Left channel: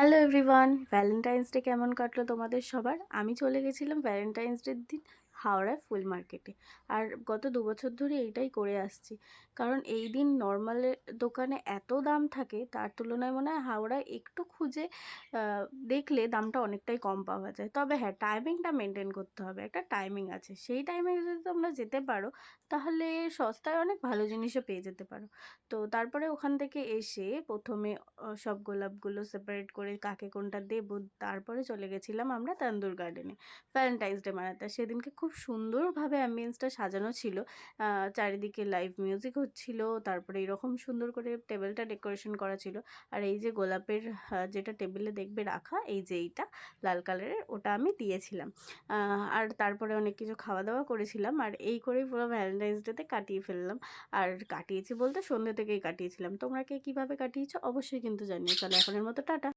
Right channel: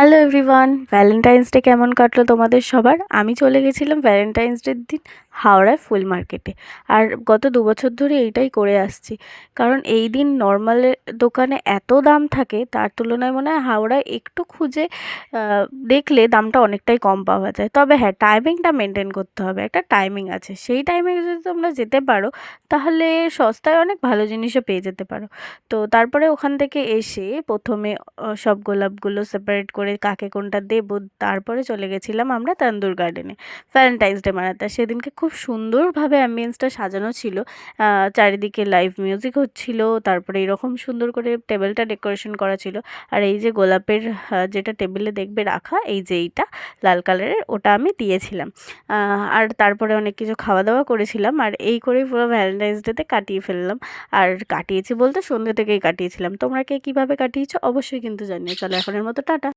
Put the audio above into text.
Hello everyone, Valentine's day কেমন কাটলো তোমাদের সবার? আমি চলে গেছিলাম ভ্যালেন্টাইন্স ডের দিন হাওড়ায় ফুল মার্কেটে। আর গত 2 বছর ধরে এইটাই করে আসছি, কারণ এই দিন নর্মালের দোকানে এত দাম থাকে, তার তুলনায় মনে হয় হাওড়ায় একটু খুঁজে দেখলে দামটা অনেকটাই কম পাওয়া যায়। তবে হ্যাঁ, টাইমিংটা মেনটেন করতে হবে, একটা টাইমিং আছে, সেই টাইমে যদি তোমরা যেতে পারো তাহলে সস্তায় অনেক ভালো জিনিসও পেয়ে যেতে পারো। তো তারপরে ওখান থেকে এসে প্রথমে সব গোলাপগুলো সেপারেট করে কাকে কোনটা দেবো, তারপরে চলে গেছিলাম আমরা তান্দুর গার্ডেনে ভ্যালেন্টাইন্স ডে মানাতে। সেদিনকে খুব সুন্দরভাবে অ্যাম্বিয়েন্সটা সাজানো ছিল, চারিদিকে লাইভ মিউজিক হচ্ছিল, তারপরে এরকম সুন্দর করে টেবিলটা ডেকোরেশন করা ছিল। আর এই যে গোলাপের যেটা টেবিলে দেখবে রাখা, এই যে এইটা লাল কালারের, ওটা আমি দিয়েছিলাম। আর তারপরে অনেক কিছু খাওয়া দাওয়া করেছিলাম, আর এই করেই পুরো ভ্যালেন্টাইন্স ডেতে কাটিয়ে ফেললাম। আর কাটিয়েছি বলতে সন্ধ্যে থেকেই কাটিয়েছিলাম। তোমরা কে কীভাবে কাটিয়েছো অবশ্যই কিন্তু জানিও। চলো এখনের মতো টাটা।